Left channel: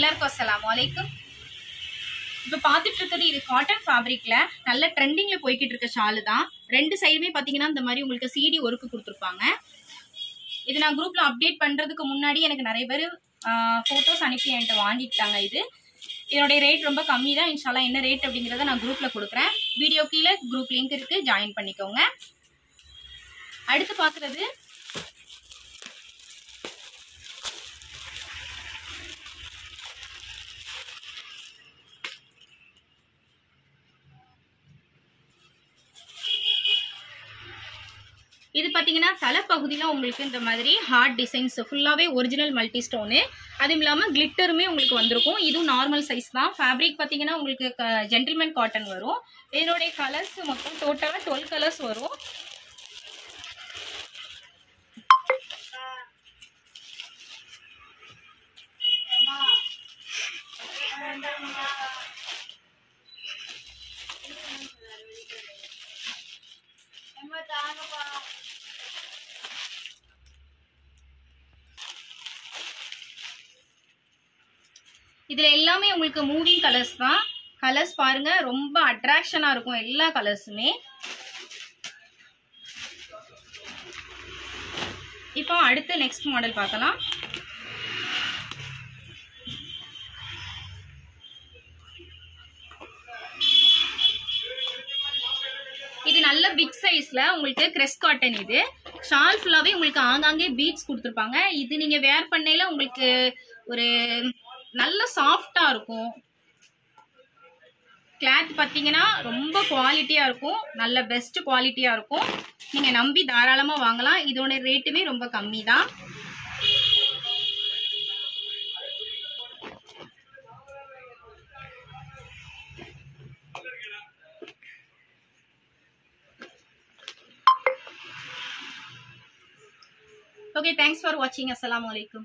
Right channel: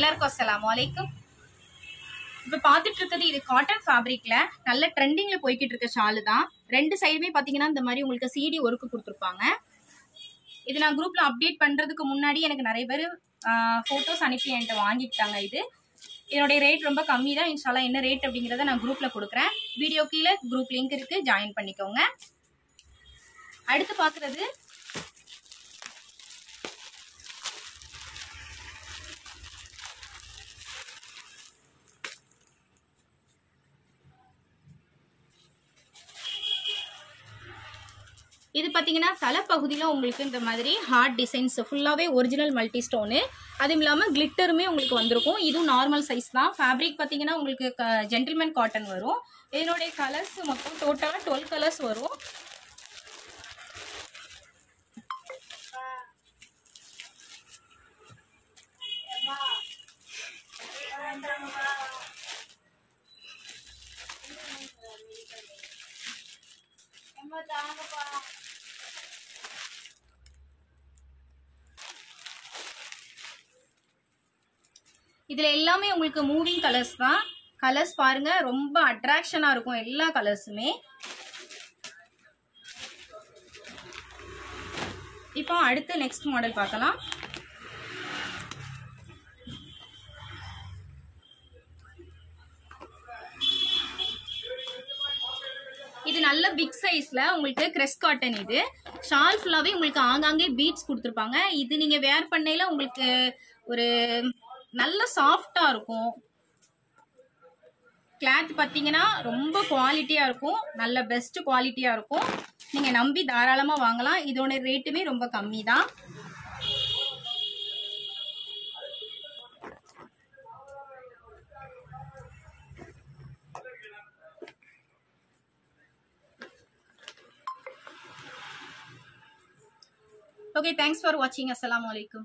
எல்லாருக்கும் அஸ்ஸலாமு அலைக்கும். இப்போ பார்த்துட்டு இருக்கிறது இது காட்டன் ஃபேப்ரிக்ல நல்ல ட்ரெண்டிங்ல போய்கிட்டு இருக்க ஷாலு தான். ரெண்டு சைடுமே பார்த்தீங்கன்னா இந்த மாதிரி உங்களுக்கு சிடி ஒர்க்கு கொடுத்துருப்பாங்க. இது நான் குரூப்ல அப்டேட் பண்றதுக்கு முன்னாடி எனக்கு நிறைய பேர் ஃபோட்டோஸ் அனுப்பி என்கிட்ட வாங்கிக்கிட்டாங்க. இதனுடைய ரேட் ரொம்ப கம்மி தான். இன்ஷால்லா என்ன ரேட் அப்படிங்கிறத நான் குரூப்ல கொடுக்குறேன். வீடியோ கீழே குரூப் லிங்க் இருக்கு, ஜாயின் பண்ணிக்கோங்க. அடுத்து பார்க்குறது இது பார்த்தீங்கன்னா தலைப்பகுதியில் உங்களுக்கு இந்த மாதிரி ஹார்ட் டிசைன்ஸ் ஃபுல்லாகவே ஒரிஜினல் மல்டி ஸ்டோனு, அதுவும் இல்லாமல் கிளிட்டருமே உங்களுக்கு வந்திருக்கும். இதுவும் நார்மல் சைஸ் தான். ஃபேப்ரிக் பார்த்தீங்கன்னா உங்களுக்கு ஜென்டில்மேன் காட்டன் வரும். இதனுடைய கலர்ஸ் மொத்தம் டோட்டலாக 12 கலர்ஸ் வரும். இதுல எல்லாமே உங்களுக்கு மூவிங் கலர்ஸ் தான். கலர்ஸ் பாருங்க, ரொம்ப அட்ராக்ஷனா இருக்கும் எல்லா கலர்ஸுமே. இப்போ அடுத்து நெக்ஸ்ட் மாடல் பார்க்கலாம். இது நல்ல பிக் சைஸ்ல உங்களுக்கு கிரெஸ்ட் காட்டன். இது ஷால் ஃபுல்லாவே உங்களுக்கு ஆங்காங்கே பீட்ஸ் கொடுத்துருப்பாங்க. இது நீங்க வேர் பண்ணையில உங்களுக்கு ஒரு நல்ல சாஃப்டா இருக்கும். கிளாத் பார்த்தீங்கன்னா ரொம்ப குவாலிட்டியா இருக்கும், நல்ல பெஸ்ட் குவாலிட்டியா இருக்கும். நீங்க நம்பி தாராளமா வாங்கலாம். இதோட ரேட்டுமே ரொம்ப கம்மி தான். Okay, thanks for watching. Assalamu alaikum.